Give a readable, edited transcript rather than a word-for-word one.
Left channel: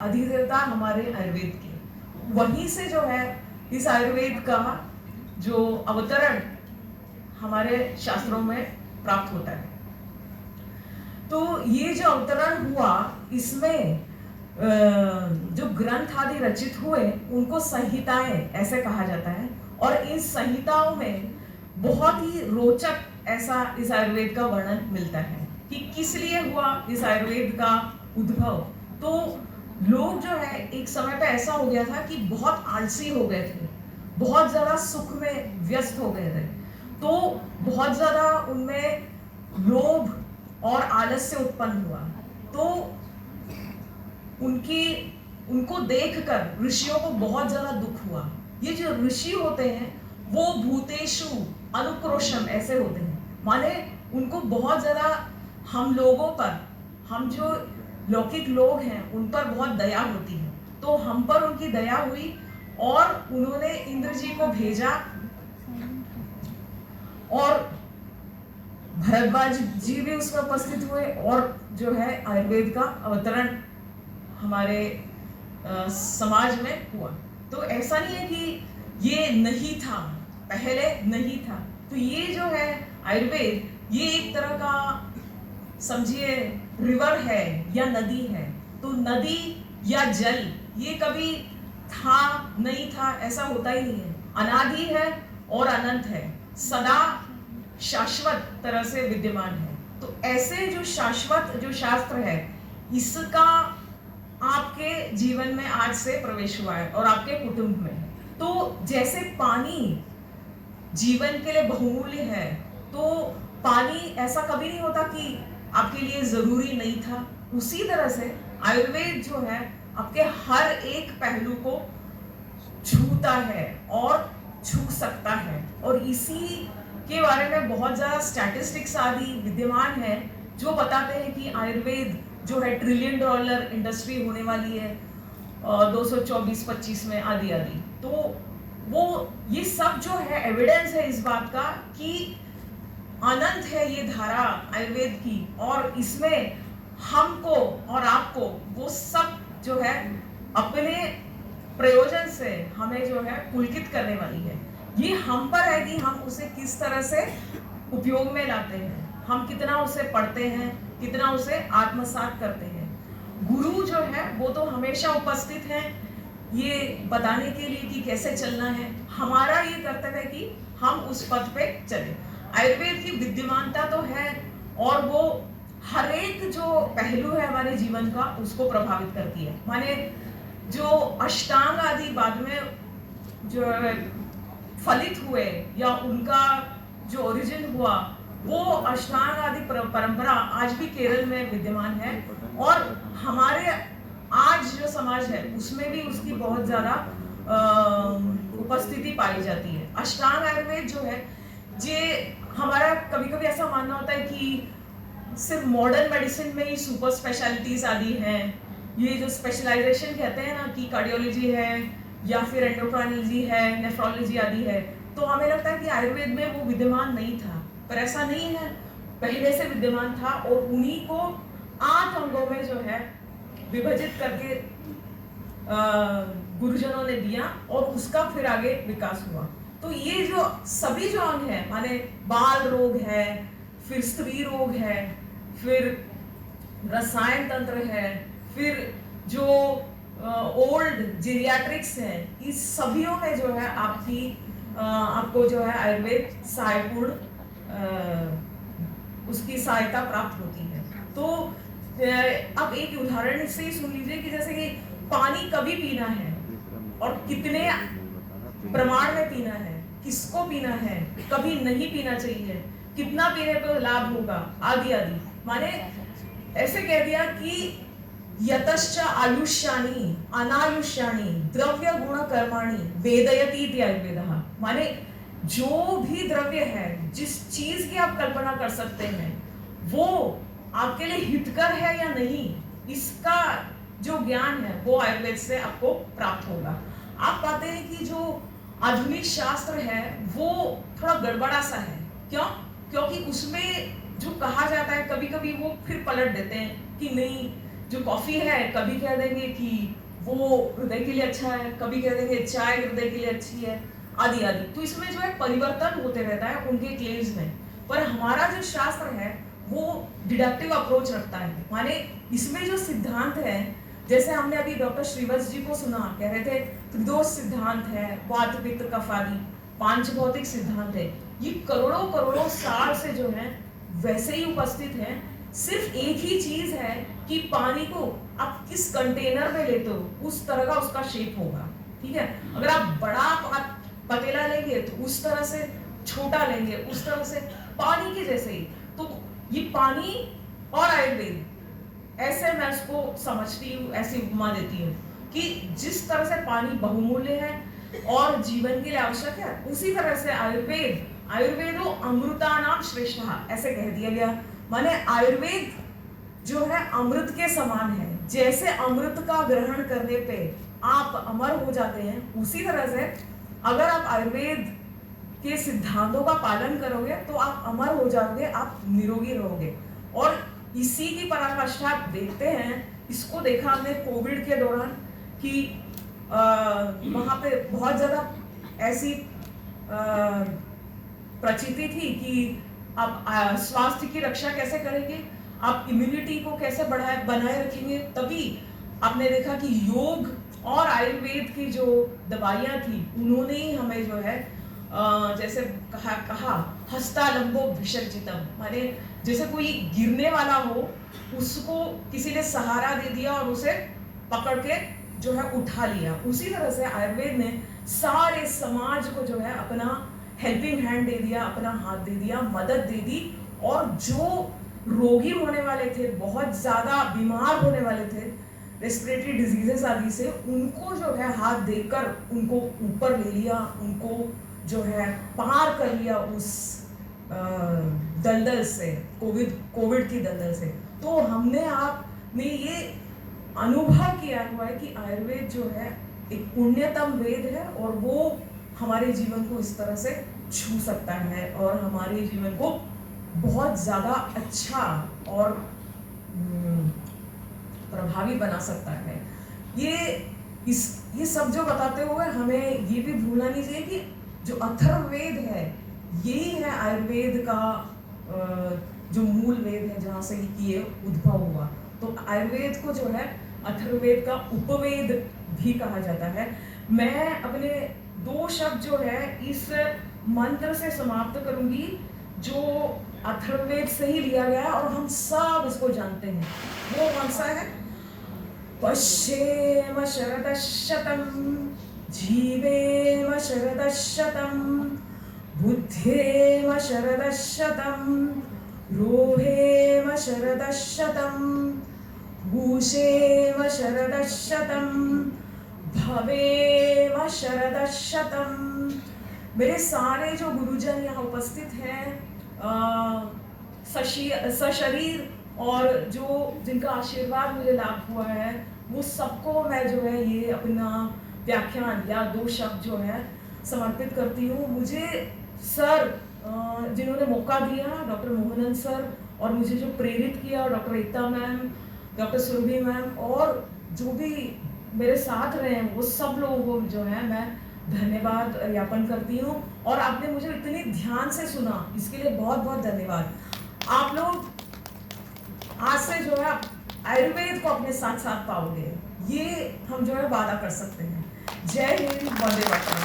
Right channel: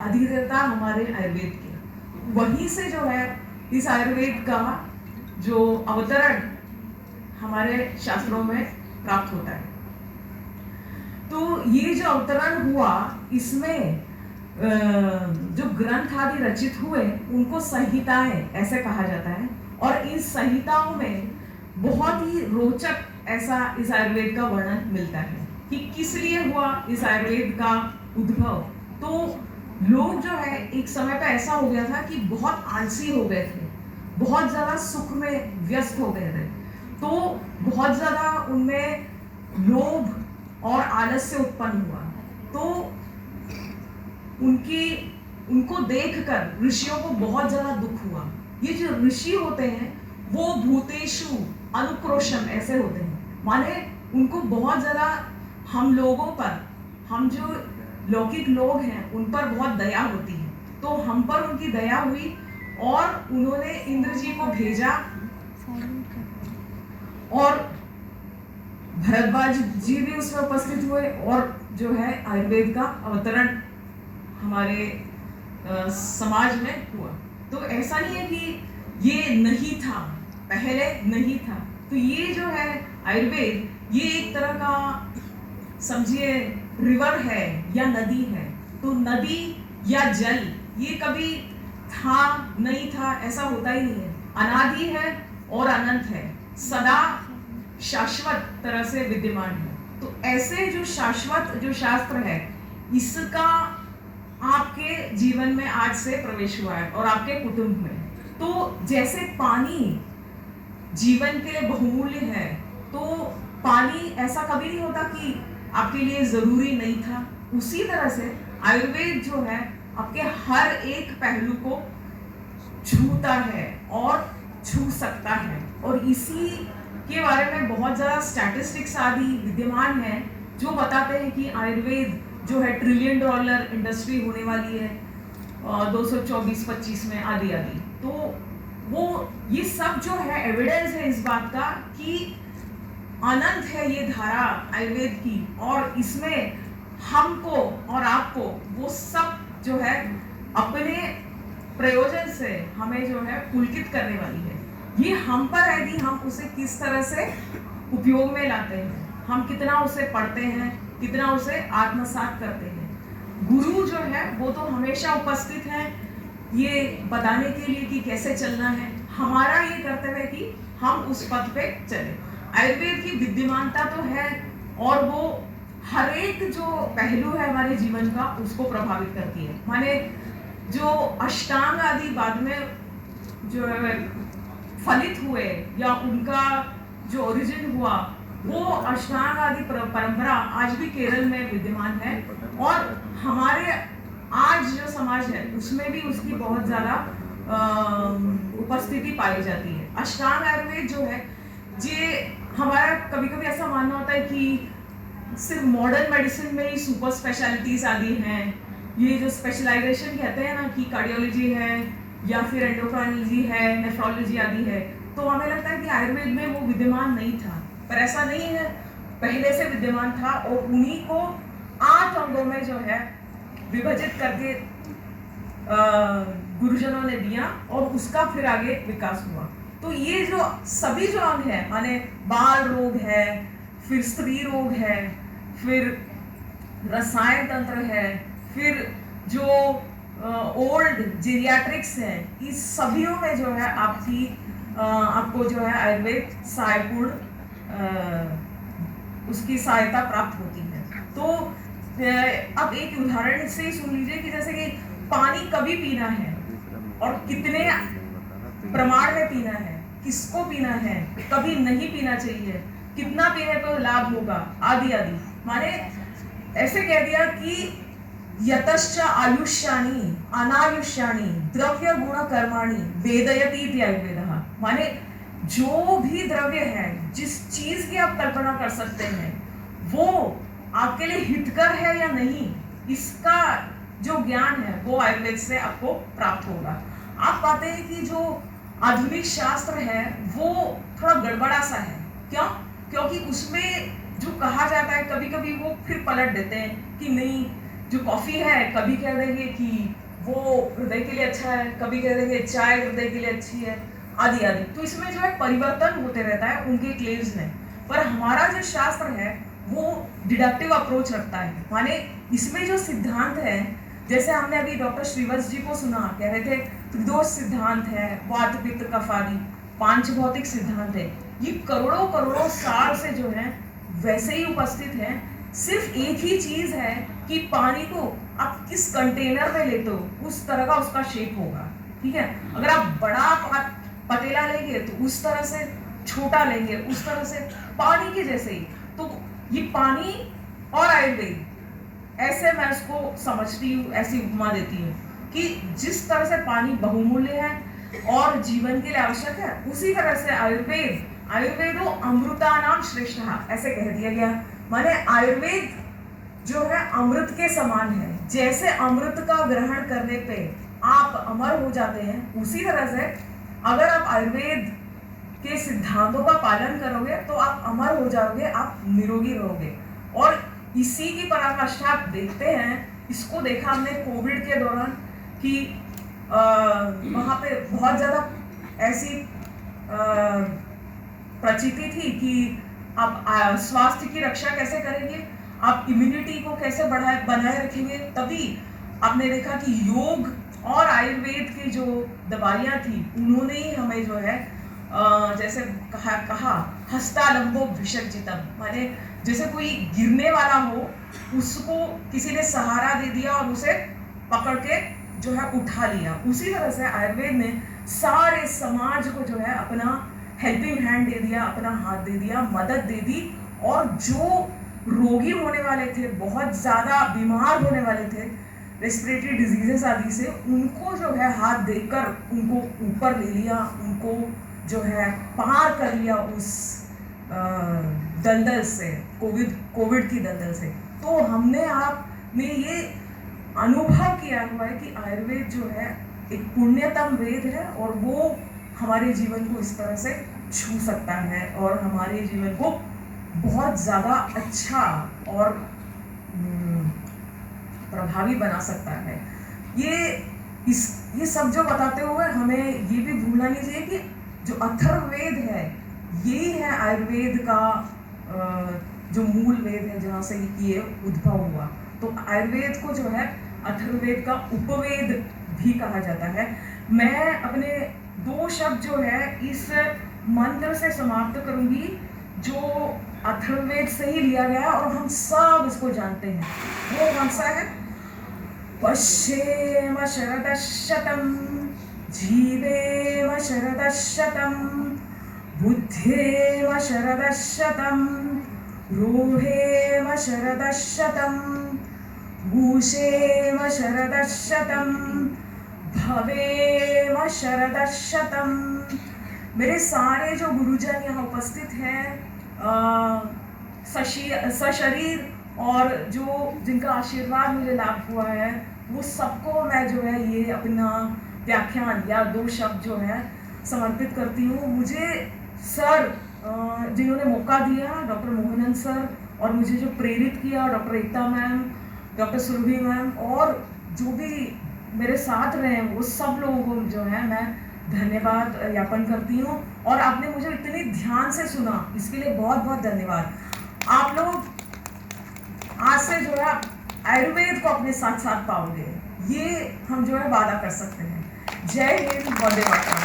अधिदेवता हमारे आयुर्वेद के, वहीं से जो है इस आयुर्वेद का जो अवतरण हमारे शास्त्रों में प्राप्त होता है। तो ये जो अवतरण हुआ, इसमें जो ग्रंथ आदि रचित हुए उनको संहिताएं ऐसे कहा जाता है, और इन संहिताओं में बहुत ही रोचक ऐसा इस आयुर्वेद का वर्णन मिलता है कि किस लिए हुआ इस आयुर्वेद का उद्भव। तो लोग जो है एक समय पे ऐसा हो गया था कि बहुत आलसी हो गए थे, बहुत ज्यादा सुख में व्यस्त हो गए थे, तो बहुत ज्यादा उनमें लोभ और आलस्य उत्पन्न हुआ। तो उनको देखकर ऋषियों को बहुत ज्यादा दुख हुआ। ये जो ऋषि होते हैं वो भूतेषु अनुक्रोशम ऐसे होते हैं, माने उनको बहुत ज्यादा हम लोगों पर, हम जो लौकिक लोग हैं उन पर बहुत दया होती है। तो हम पर उनकी दया हुई और उन्होंने इंद्र जी को भेजा, और भरद्वाज जी भी उसमें उपस्थित हुए, और जो है आयुर्वेद का अवतरण हमारे समाज में हुआ। तो ऐसा नहीं है कि ये नहीं था, पहले नहीं था। तो ये जो है आयुर्वेद, ये एक तरह का समझिए रिवर है या नदी है। तो नदी या जल ये कभी था नहीं था ऐसा होता ही नहीं है, अनादि है और अनंत है, सदा शाश्वत तरह से विद्यमान है। तो ऐसे जो शाश्वत जो शास्त्र है, इसका आपके जीवन में आज से प्रवेश हुआ है और आपके कुटुंब में। तो जैसे पानी जीवन के लिए बहुमूल्य है, तो पानी ऐसा कभी नहीं होता कि आपके लिए जरूरी नहीं था। उसी तरह से आयुर्वेद जो है आपके हर एक पहलू को छूता है और छू सकता है। और इसी के बारे में बहुत ज्यादा स्टैटिस्टिक्स आदि विद्यमान है जो बताते हैं कि आयुर्वेद जो है $1 ट्रिलियन इंडस्ट्री होने वाली है 224-25 में आदि आदि। तो वो ये सब जो है एविडेंस है इस बात का कि अनंत है ये धारा आयुर्वेद की, और इसमें हमको और आपको वो सब जो है अपने प्रयोजन से हमें जो है पुलकित करने वाली है। ये हम पर है कि हम उसे किस तरह से उपयोग में लाते हैं, हम कितना उसे पढ़ते हैं, कितना उसे आत्मसात करते हैं। गुरु जो है वो तो हमेशा उपस्थित है ये बताने के लिए कि कैसे चलना है। हमारा ये कर्तव्य है कि हम उस पथ पे चले। आयुर्वेद की विद्यमानता तो है, और वो हर एक जो पहलू है हमारे जीवन का उसको प्रभावित करती है। माने जो अष्टांग आदि बाद में जो फलित हुए या उनका जो ओरिजिन हुआ, वो अष्टांग आदि परंपरा आज भी केरल में विद्यमान है, और हमारे आज जो समाज है उसमें भी उसकी बहुत ज्यादा उपस्थिति पाई जाती है। अष्टांग आयुर्वेद जो है, ये हमारा कभी कभी ऐसा मानना होता है कि सिर्फ मॉडर्न मेडिसिन में ही सुपर स्पेशलिटीज आदि हैं। ये जो स्पेशलाइजेशन कहते हैं ना कि कार्डियोलॉजी है या फिर एंडोक्राइनोलॉजी है, नेफ्रोलॉजी आदि है, तो हमें लगता है कि आयुर्वेद में वो विद्यमान नहीं था, पर ऐसा नहीं है, पहले से विद्यमान था। और उन्हीं को 8 अंगों में जो है विभाजित करके गुरुजनों ने दिया, और उसका फिर आगे विकास हुआ। तो ये जो सभी जो अंग है, माने बाल रोग है, फिर स्त्री रोग है, फिर रसायन तंत्र है, फिर जो ओल्ड जीरियाट्रिक्स है, इस सभीयों में जो है आपको जो है आयुर्वेद सहायपूर्ण उसकी सहायता प्राप्त होती है। तो अब एक उदाहरण से सुन लीजिए कि जैसे कि पानी कभी पीना है और कितने प्रमाण में पीना है, किसको पीना है, कभी नहीं पीना चाहिए, कितना पीने तो लाभ होगा, आदि आदि। माने ऐसे कह दिया कि यतश्च आयुष्यानि अनायुष्यानि द्रव्य गुण कर्माणि वेदयति आयुर्वेदः। माने जो भी द्रव्य है, जिस चीज की आप कल्पना कर सकते हैं, वो आपके लिए हितकर है या नहीं, इसका जो ज्ञान है वो आयुर्वेद से आपको प्राप्त होगा। आप पाते हैं कि जो आधुनिक शास्त्र है वो थोड़ा गड़बड़ा सा है। क्यों? क्योंकि उसमें जो कहा जाता है कभी कभी वो फिर पलट देते हैं कि नहीं, जो कॉफी है कभी कह देंगे कि वो हृदय के लिए अच्छा है, कभी कह देंगे चाय हृदय के लिए अच्छी है, आदि आदि। तो इसमें जो है परिवर्तन होते रहता है उनके क्लेम्स में। पर हमारा जो शास्त्र है वो डिडक्टिव अप्रोच रखता है, माने इसमें जो सिद्धांत है, जैसे हमने अभी डॉक्टर श्रीवत्स जी को सुना, कह रहे थे त्रिदोष सिद्धांत है, वात पित्त कफ आदि, पांच भौतिक सिद्धांत है, ये करोड़ों करोड़ों साल से जो है वैसे ही उपस्थित है। सिर्फ एक ही चीज है कि पानी को आप किस कंटेनर में लेते हो उस तरह का उसका शेप होगा, ठीक है। अगर आप बड़ा पतीला लेंगे तो उस तरह से, छोटा लेंगे उस तरह से, पानी के जैसे ही। तो ये पानी और आयुर्वेद, ऐसे मैं उसको समझती हूँ, ऐसी उपमा देती हूँ कि जिस तरह से पानी बहुमूल्य है और जीवन के लिए आवश्यक है, उसी तरह से आयुर्वेदो अमृतानाम श्रेष्ठः, ऐसे कह दिया गया। माने आयुर्वेद जो है अमृत के समान है। जैसे अमृत का ग्रहण करने पे आप अमर हो जाते हैं, उसी तरह से अगर आप आयुर्वेद के सिद्धांतों का पालन करोगे तो आप अमर हो जाओगे, आप निरोगी रहोगे। और इसी की पराकाष्ठा आप देखते हैं, इसको देखा हमने कोविड के दौरान कि वहाँ पे बहुत ज़्यादा ऐसी प्रचिति थी कि आप स्वास्थ्य की रक्षा कैसे करेंगे, आप इम्यूनिटी को कैसे बनाए रखेंगे। तभी आपने देखा कि योग और आयुर्वेद की जो दवाइयाँ थी उन्होंने ही हमें जो है जैसे कहा हस्तालंबो विसर्जितम, माने जैसे कोई गिरने वाला हो उसको किसी ने सहारा दे दिया और उसे पकड़ के जो है उठा लिया। उसी तरह से आयुर्वेद ने सारे समाज को जो है अपना हेल्पिंग हैंड दे दिया, अपना हाथ दे दिया, मदद दे दी। और जो रोगी होने वाले थे, बहुत ज़्यादा बीमार होने वाले थे रेस्पिरेटरी डिजीजेस आदि से, उनको जो है हाथ देकर उनको ऊपर ले लिया, उनको जो है पार कर लिया उस दलदल से, कोविड की दलदल से। तो हमने आपने ये अनुभव किया हुआ है कि आयुर्वेद जो है एक पुण्यतम वेद है और वो हमारे जीवन को इस तरह से छू सकता है और हमारे जीवन को बहुत ज़्यादा अच्छा और प्रभावी बना सकता है। ये सब जो बताते हुए हमें ये भी भूलना नहीं चाहिए कि जो अथर्ववेद है यही है आयुर्वेद का जो मूल वेद है, जहाँ से ये उद्भव हुआ। तो आयुर्वेद को जो है अथर्ववेद का उपवेद भी कहा जाता है। मैं अपने 2 शब्द जो है इस मंत्र से समाप्त करूंगी जो अथर्ववेद से ही लिया गया और हम सब उसको जानते हैं। वो कौन सा है? पश्येम शरदशतम् जीवेम शरदशतम् बुद्धेम शरदशतम् रोहेम शरदशतम् भूषेम शरदशतम् भवेम शरदशतम्। मेरे सारे जो गुरुजन यहाँ उपस्थित हैं, सशरीर और जो जिनका आशीर्वाद मुझे लाभ हुआ है, वो सबको मैं जो है ये अपना व्याख्यान या 2 शब्द जो है समर्पित करती हूँ। मुझे सर जिन्होंने मौका दिया, डॉक्टर मोहनन सर, और मुझे जो प्रेरित किया डॉक्टर एकता मैम, डॉक्टर सुरभि मैम, और जो भी मेरे साथ रहे वो सब लोगों को जो है मैं धन्यवाद ज्ञापन करती हूँ। और आपने मुझे इतनी ध्यान से सुना, इसके लिए बहुत बहुत धन्यवाद। आप लोग आज से जो है आयुर्वेद को अपने साथ साथ पाओगे, ये हम जो है वादा कर सकते हैं। जय हिंद, वंदे मातरम।